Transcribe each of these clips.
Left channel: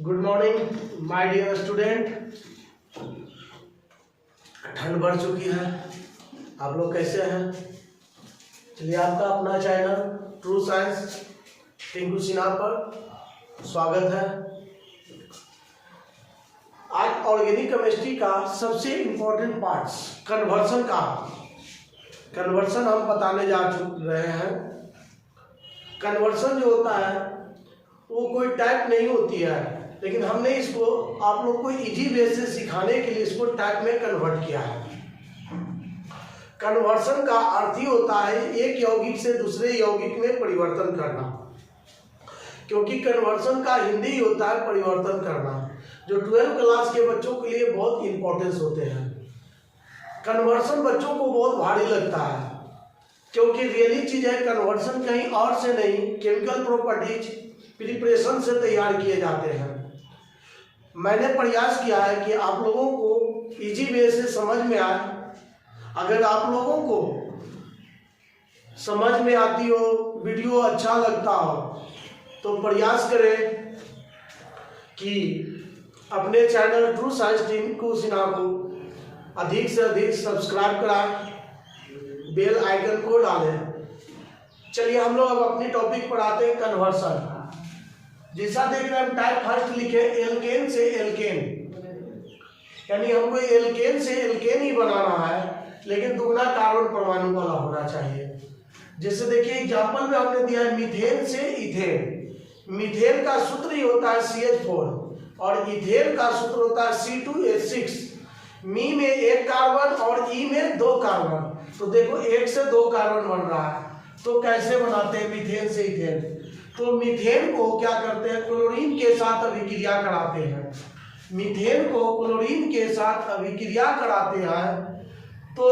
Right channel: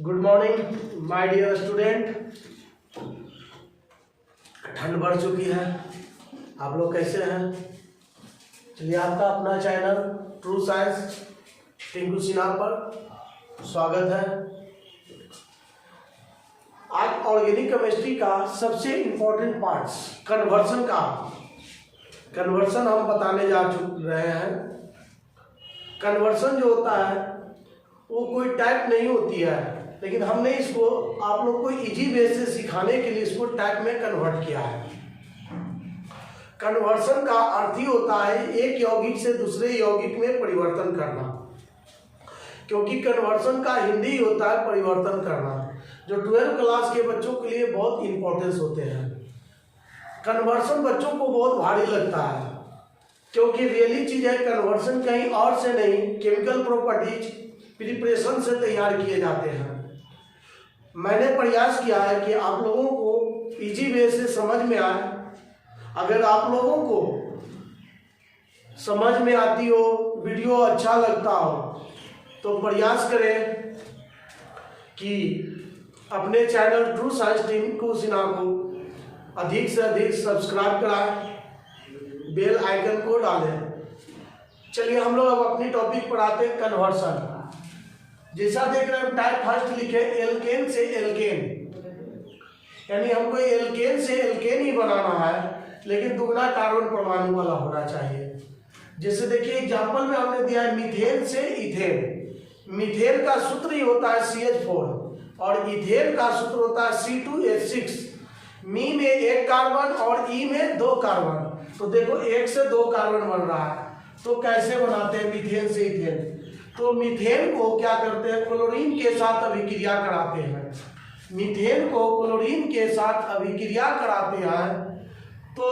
Good morning my dear student. ठंड बढ़ चुकी है, आप लोग कैसे हैं? चलिए, आपका अपना channel true science Tinku Sinha पर स्वागत है। आज ऑर्गेनिक केमिस्ट्री का सबसे इम्पोर्टेंट पार्ट कन्वर्सन हम बताने जा रहे हैं। कन्वर्सन जो होता है वो कोई टाइप नहीं होती है, लेकिन हमने इसको आप लोग को इजी वे से सिखाने के लिए इसको टाइप में कन्वर्ट किया है। कन्वर्सन का अर्थ ही होता है एक यौगिक से दूसरे यौगिक में परिवर्तन करना, क्योंकि कन्वर्सन का हिंदी होता है परिवर्तन करना, जो 12th क्लास के बच्चों के लिए बहुत इंपॉर्टेंस होते हैं। कन्वर्सन बच्चों को बहुत भारी लगता है, क्योंकि रियली चीज है कन्वर्सन कहीं और से नहीं, केमिकल प्रॉपर्टीज प्रिपरेशन से तैयार किए जाते हैं। मैंने प्रयास किया है कि आप लोगों को इजी वे से समझ में आए। अगर आप लोगों को समझ में आती हो, वीडियो अच्छा लगता हो, तो प्रयास करें कि अपने channel true science Tinku Sinha को अधिक से अधिक सब्सक्राइब कराएं, बेल आइकन को डालें। चलिए, हम लोग अब अपनी टॉपिक पर आते हैं, कन्वर्सन। जैसा देख रहे हैं, टाइप फर्स्ट लिखे एल्केन से एल्केन, यानी हमको एल्केन से एल्केन ही बनाना है, लेकिन दुगना कार्बन परमाणु वाला होना चाहिए। जैसे देखिए एग्जांपल में हमने दिया है मीथेन से इथेन। मीथेन का सूत्र ही होता है CH4 और इथेन का सूत्र होता है C2H6। मी में एक कार्बन और ई में 2 कार्बन, तो देखो 1 से 2 कार्बन बन रहा है। तो कैसे बनाते हैं मीथेन से इथेन? तो मीथेन को क्या करते हैं, क्लोरीन के साथ अभिक्रिया कराते हैं। मीथेन को क्लोरीन के साथ अभिक्रिया कराते हैं तो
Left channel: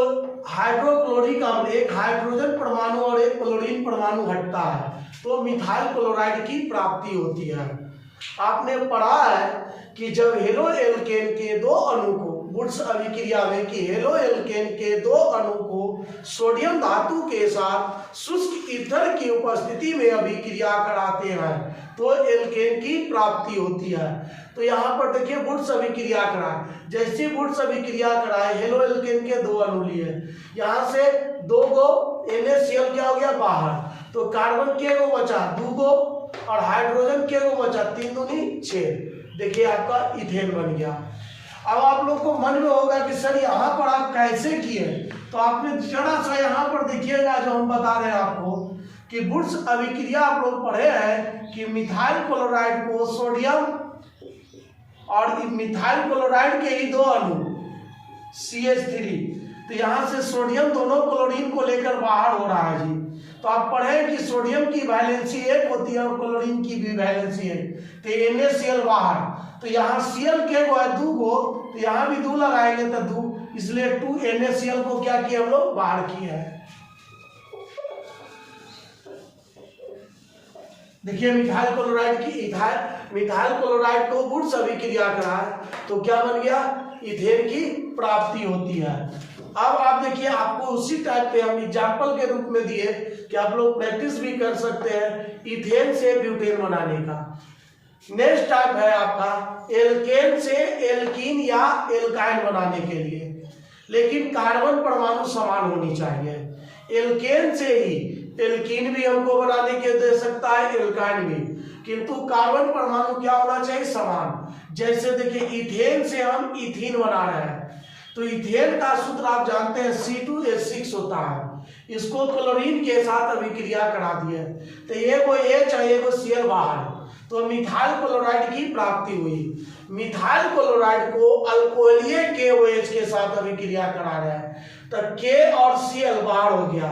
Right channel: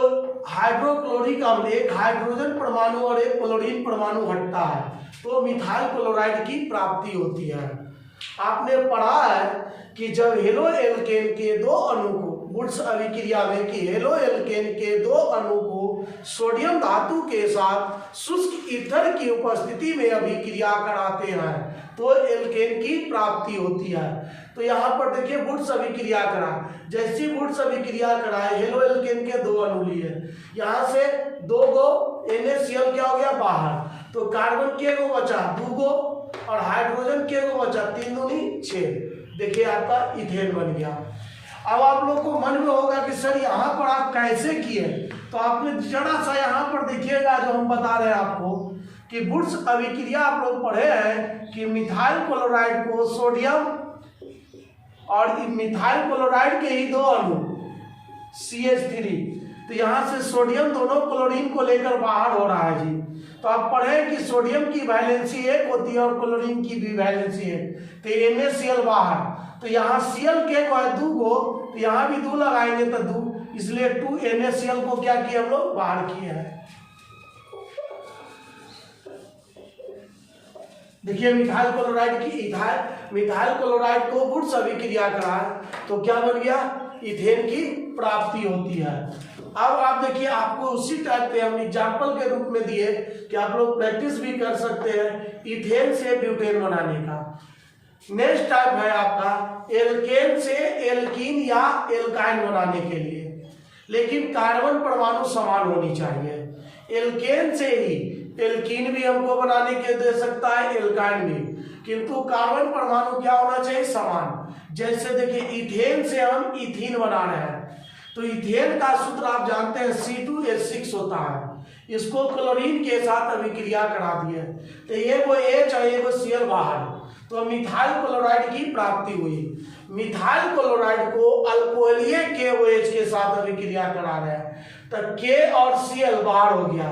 हाइड्रोक्लोरिक अम्ल, एक हाइड्रोजन परमाणु और एक क्लोरीन परमाणु हटता है, तो मिथाइल क्लोराइड की प्राप्ति होती है। आपने पढ़ा है कि जब हेलो एल्केन के 2 अणु को वुड्स अभिक्रिया में कि हेलो एल्केन के 2 अणु को सोडियम धातु के साथ शुष्क ईथर की उपस्थिति में अभिक्रिया कराते हैं तो एल्केन की प्राप्ति होती है। तो यहाँ पर देखिए वुड्स अभिक्रिया कराए, जैसी वुड्स अभिक्रिया कराए हेलो एल्केन के 2 अणु लिए, यहाँ से 2 गो NaCl क्या हो गया बाहर, तो कार्बन के गो बचा 2 गो और हाइड्रोजन के गो बचा 3 दूनी 6। देखिए आपका इथेन बन गया। अब आप लोग को मन में होगा कि सर यहाँ पर आप कैसे किए, तो आपने जरा सा यहाँ पर देखिएगा जो हम बता रहे हैं आपको कि वुड्स अभिक्रिया आप लोग पढ़े हैं कि मिथाइल क्लोराइड को सोडियम और मिथाइल क्लोराइड के ही 2 अणु CH3, तो यहाँ से सोडियम दोनों क्लोरीन को लेकर बाहर हो रहा है जी। तो आप पढ़े कि सोडियम की वैलेंसी 1 होती है और क्लोरीन की भी वैलेंसी 1, तो NaCl बाहर, तो यहाँ Cl के गो है 2 गो, तो यहाँ भी 2 लगाएंगे तो 2, इसलिए 2 NaCl को क्या किया हम लोग बाहर किए हैं। देखिए मिथाइल क्लोराइड को वुड्स अभिक्रिया कराए तो क्या बन गया, इथेन की प्राप्ति होती है। अब आप देखिए, आपको उसी टाइप पे हम एग्जाम्पल के रूप में दिए कि आप लोग प्रैक्टिस भी कर सकते हैं इथेन से ब्यूटेन बनाने का। नेक्स्ट टाइप है आपका एल्केन से एल्कीन या एल्काइन बनाने के लिए, लेकिन कार्बन परमाणु समान होनी चाहिए। एल्केन से ही एल्कीन भी हमको बनाने के दे सकता है, एल्काइन भी, किंतु कार्बन परमाणु क्या होना चाहिए, समान। जैसे देखिए इथेन से हम इथीन बना रहे हैं, तो इथेन का सूत्र आप जानते हैं C2H6 होता है। इसको क्लोरीन के साथ अभिक्रिया करा दिए तो एगो H और एगो Cl बाहर, तो मिथाइल क्लोराइड की प्राप्ति हुई। मिथाइल क्लोराइड को अल्कोहलीय KOH के साथ अभिक्रिया करा रहे हैं तो K और Cl बाहर हो गया,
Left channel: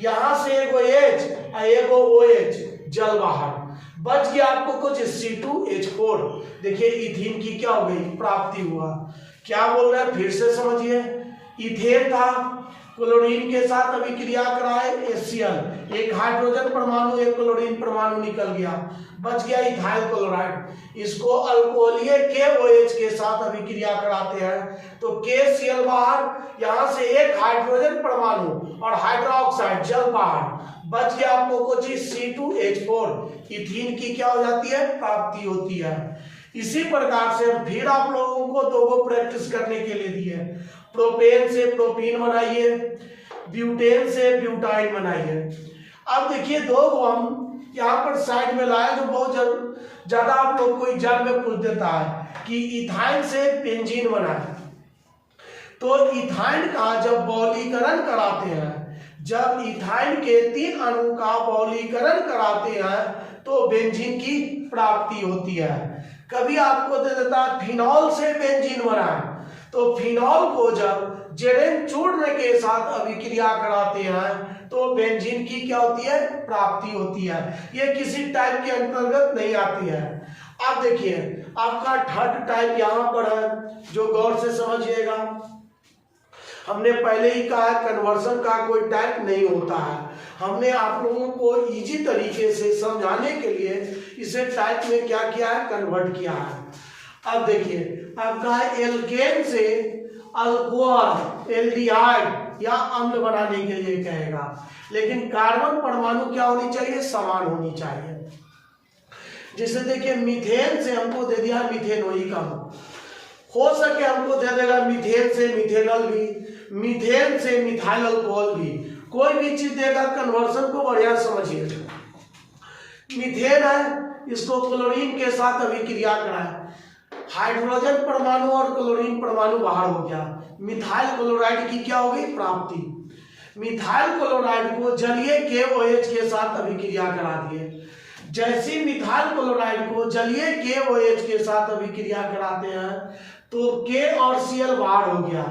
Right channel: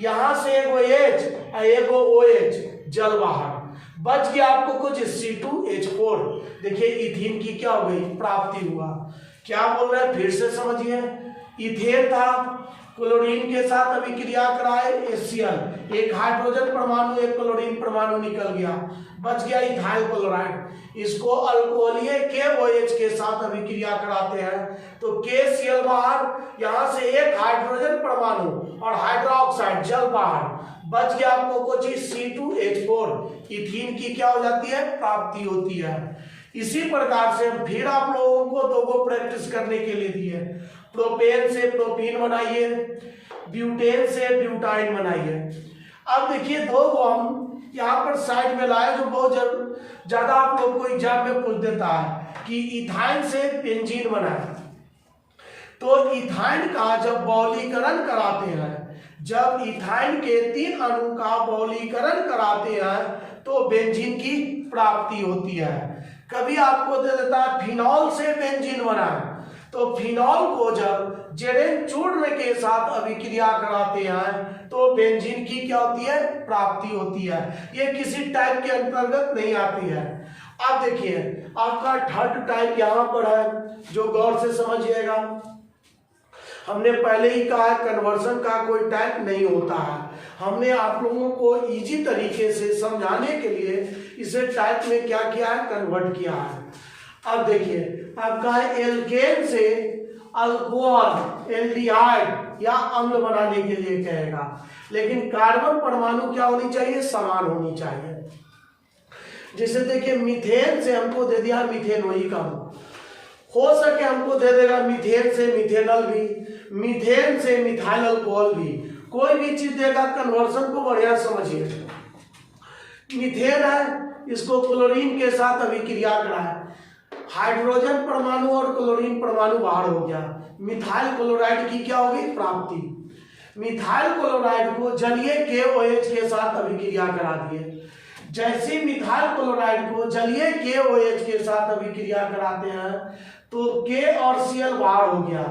यहाँ से एगो H और एगो OH जल बाहर, बच गया आपको कुछ C2H4। देखिए इथीन की क्या हो गई, प्राप्ति हुआ। क्या बोल रहे हैं फिर से समझिए, इथेन था, क्लोरीन के साथ अभिक्रिया कराए HCl, एक हाइड्रोजन परमाणु एक क्लोरीन परमाणु निकल गया, बच गया इथाइल क्लोराइड। इसको अल्कोहलीय KOH के साथ अभिक्रिया कराते हैं तो KCl बाहर, यहाँ से एक हाइड्रोजन परमाणु और हाइड्रोक्साइड जल बाहर, बच गया आपको कुछ C2H4। इथीन की क्या हो जाती है, प्राप्ति होती है। इसी प्रकार से फिर आप लोगों को दो को प्रैक्टिस करने के लिए दिए, प्रोपेन से प्रोपीन बनाइए, ब्यूटेन से ब्यूटाइन बनाइए। अब देखिए दो को हम यहाँ पर साइड में लाए जो बहुत ज्यादा आप लोग को एग्जाम में पूछ देता है कि इथाइन से बेंजीन बनाए। तो इथाइन का जब बहुलीकरण कराते हैं, जब इथाइन के 3 अणु का बहुलीकरण कराते हैं तो बेंजीन की प्राप्ति होती है। कभी आपको दे देता है फिनॉल से बेंजीन बनाए, तो फिनॉल को जब जेरेन चूर्ण के साथ अभिक्रिया कराते हैं तो बेंजीन की क्या होती है, प्राप्ति होती है। ये किसी टाइप के अंतर्गत नहीं आती है। अब देखिए आपका थर्ड टाइप यहाँ पर है, जो गौर से समझिएगा। हमने पहले ही कहा है कन्वर्सन का कोई टाइप नहीं होता है। हमने आप लोगों को इजी तरीके से समझाने के लिए इसे टाइप में क्या किया है, कन्वर्ट किया है। अब देखिए आपका है एल्केन से अल्कोहल, एल्डिहाइड या अम्ल बनाने के लिए कहेगा, लेकिन कार्बन परमाणु क्या होनी चाहिए, समान होनी चाहिए। जैसे देखिए मीथेन से हमको दे दिया मिथेनोइक अम्ल, हो सके हमको दे देगा मीथेन से मिथेनॉल भी, मीथेन से मिथाइल अल्कोहल भी, कोई भी चीज देगा। कन्वर्सन को बढ़िया समझिए। मीथेन है, इसको क्लोरीन के साथ अभिक्रिया कराए, हाइड्रोजन परमाणु और क्लोरीन परमाणु बाहर हो गया, मिथाइल क्लोराइड की क्या होगी, प्राप्ति। मिथाइल क्लोराइड को जलीय KOH के साथ अभिक्रिया करा दिए। जैसे मिथाइल क्लोराइड को जलीय KOH के साथ अभिक्रिया कराते हैं तो K और Cl बाहर हो गया,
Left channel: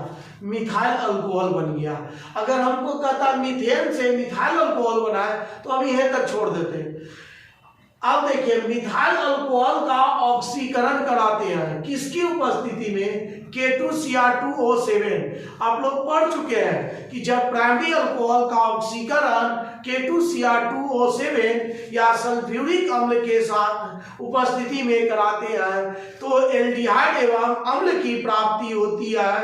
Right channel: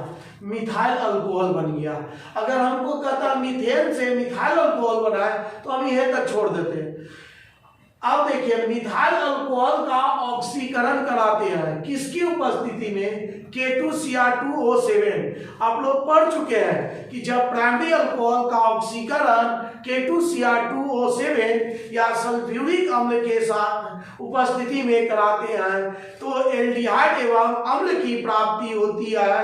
मिथाइल अल्कोहल बन गया। अगर हमको कहता मीथेन से मिथाइल अल्कोहल बनाए तो हम यहीं तक छोड़ देते। अब देखिए मिथाइल अल्कोहल का ऑक्सीकरण कराते हैं किसकी उपस्थिति में, K2Cr2O7। आप लोग पढ़ चुके हैं कि जब प्राइमरी अल्कोहल का ऑक्सीकरण K2Cr2O7 या सल्फ्यूरिक अम्ल के साथ उपस्थिति में कराते हैं तो एल्डिहाइड एवं अम्ल की प्राप्ति होती है,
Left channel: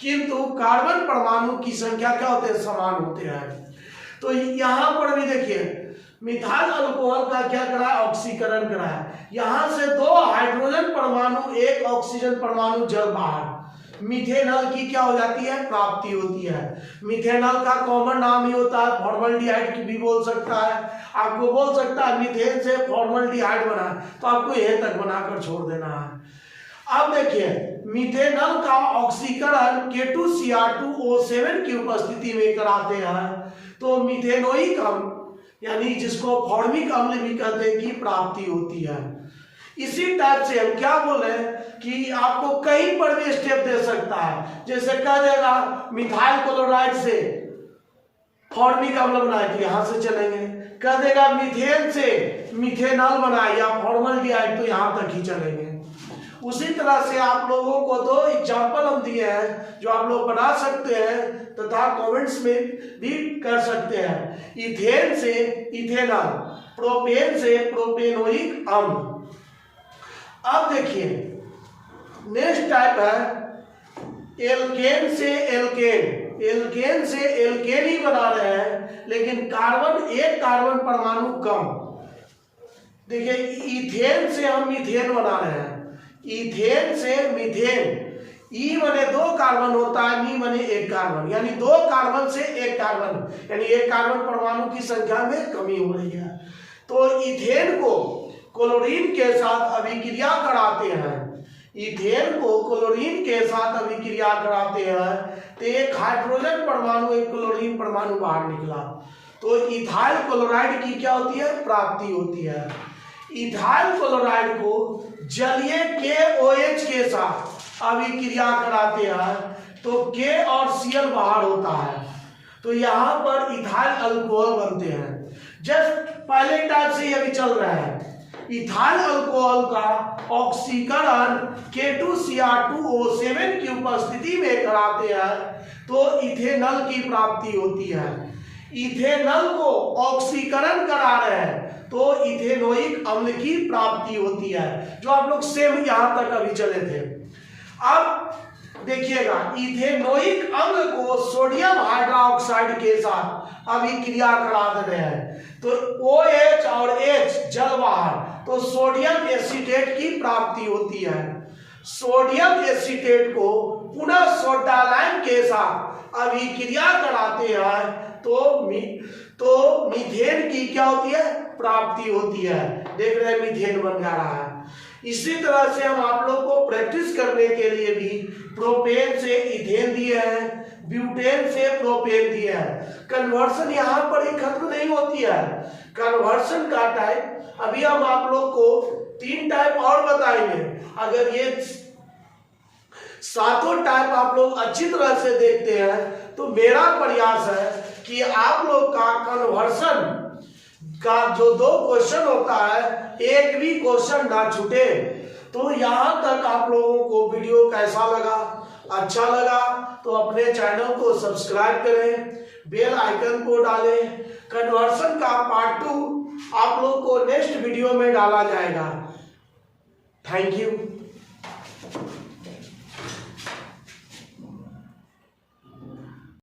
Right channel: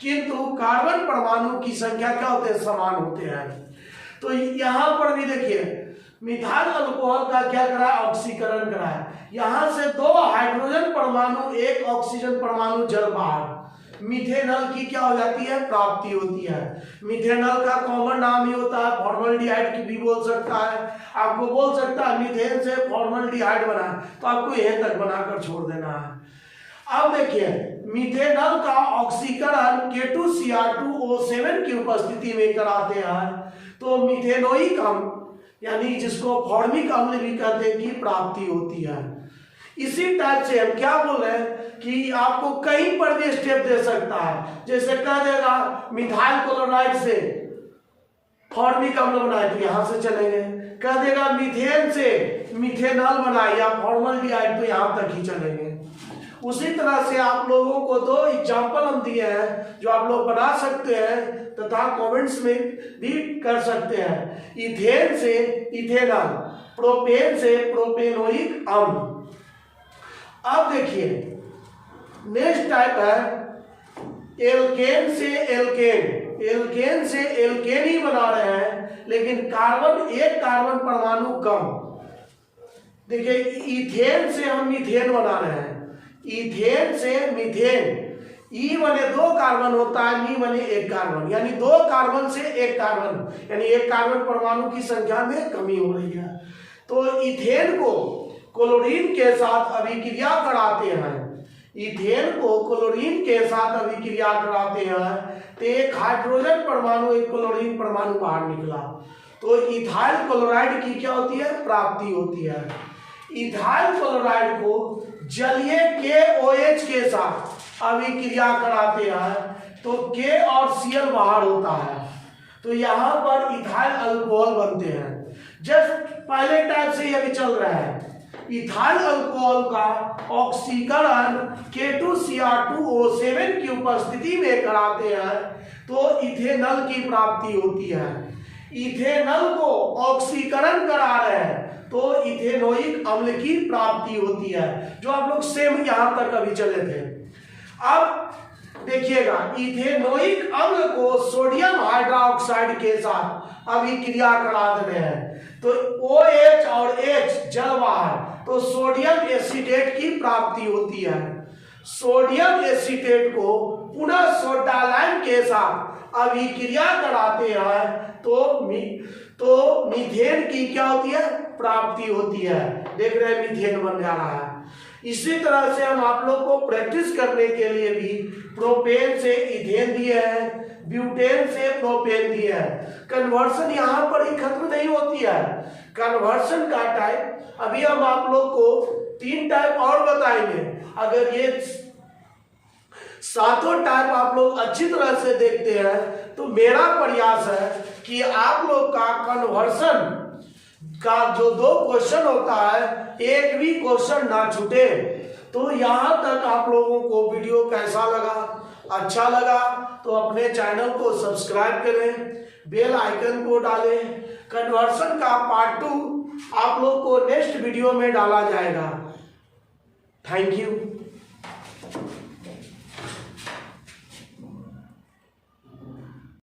किंतु कार्बन परमाणु की संख्या क्या होते हैं, समान होते हैं। तो यहाँ पर भी देखिए मिथाइल अल्कोहल का क्या करा, ऑक्सीकरण कराया। यहां से 2 हाइड्रोजन परमाणु 1 ऑक्सीजन परमाणु जल बाहर, मिथेनॉल की क्या हो जाती है, प्राप्ति होती है। मिथेनॉल का कॉमन नाम ही होता है फॉर्मल्डिहाइड की भी बोल सकता है, आपको बोल सकता है मीथेन से फॉर्मल्डिहाइड बना, तो आपको यहीं तक बनाकर छोड़ देना है। अब देखिए मिथेनॉल का ऑक्सीकरण K2Cr2O7 की उपस्थिति में कराते हैं तो मिथेनोइक अम्ल यानी जिसको फॉर्मिक अम्ल भी कहते हैं की प्राप्ति होती है। इसी टाइप से हम क्या बोले कि आपको कहीं पर भी स्टेप दे सकता है, जैसे कह देगा मिथाइल क्लोराइड से फॉर्मिक अम्ल बनाए तो यहां से चलेंगे, कह देगा मीथेन से मिथेनॉल बनाए या फॉर्मल्डिहाइड तो यहां तक ही चलेंगे। उसी तरह से आप लोगों को 2 एग्जाम्पल हम दिए हैं जो आप लोग बना सकते हैं तथा कमेंट्स में भी कर सकते हैं। इथेन से इथेनॉल, प्रोपेन से प्रोपेनोइक अम्ल। अब देखिए नेक्स्ट टाइप है एल्केन से एल्केन। एल्केन से एल्केन ही बना रहे हैं लेकिन कार्बन 1 कार्बन परमाणु कम। देखिए इथेन से हम मीथेन बना रहे हैं, इथेन से मीथेन, ई बने 2 कार्बन होता है, मी बने 1 कार्बन, यानी 2 कार्बन से 1 कार्बन, यानी 1 कार्बन परमाणु की संख्या में कमी हो रही है। तो इथेन को क्लोरीन के साथ अभिक्रिया कराते हैं, इथेन को क्लोरीन के साथ अभिक्रिया कराते हैं तो 1 हाइड्रोजन परमाणु 1 क्लोरीन परमाणु बाहर निकला, तो इथाइल क्लोराइड की क्या होती है, प्राप्ति होती है। इथाइल क्लोराइड को जलीय KOH के साथ अभिक्रिया कराते हैं तो K और Cl बाहर होता है, तो यहाँ पर इथाइल अल्कोहल बनते हैं। जस्ट पहले टाइप से ये भी चल रहा है, इथाइल अल्कोहल का ऑक्सीकरण K2Cr2O7 की उपस्थिति में कराते हैं तो इथेनॉल की प्राप्ति होती है। इथेनॉल को ऑक्सीकरण करा रहे हैं तो इथेनोइक अम्ल की प्राप्ति होती है, जो आप लोग सेम यहां तक अभी चले थे। अब देखिएगा इथेनोइक अम्ल को सोडियम हाइड्रोक्साइड के साथ अभिक्रिया करा दे रहे हैं तो OH और H जल बाहर, तो तो सोडियम एसीटेट की प्राप्ति होती है। सोडियम एसीटेट को पुनः सोडा लाइम के साथ अभिक्रिया कराते हैं तो मीथेन की क्या होती है, प्राप्ति होती है। देख रहे हैं मीथेन बन जा रहा है। इसी तरह से हम आप लोग को प्रैक्टिस करने के लिए भी प्रोपेन से इथेन दिए हैं, ब्यूटेन से प्रोपेन दिया है। कन्वर्सन यहाँ पर ही खत्म नहीं होती है। कन्वर्सन का टाइप अभी हम आप लोग को 3 टाइप और बताएंगे। अगर ये 7 टाइप आप लोग अच्छी तरह से देखते हैं तो मेरा प्रयास है कि आप लोग का कन्वर्सन का जो 2 क्वेश्चन होता है, एक भी क्वेश्चन ना छूटे। तो यहाँ तक आप लोगों को वीडियो कैसा लगा, अच्छा लगा तो अपने चैनल को सब्सक्राइब करें, बेल आइकन को डालें। कन्वर्सन का पार्ट 2 आप लोग को नेक्स्ट वीडियो में डाला जाएगा। Thank you.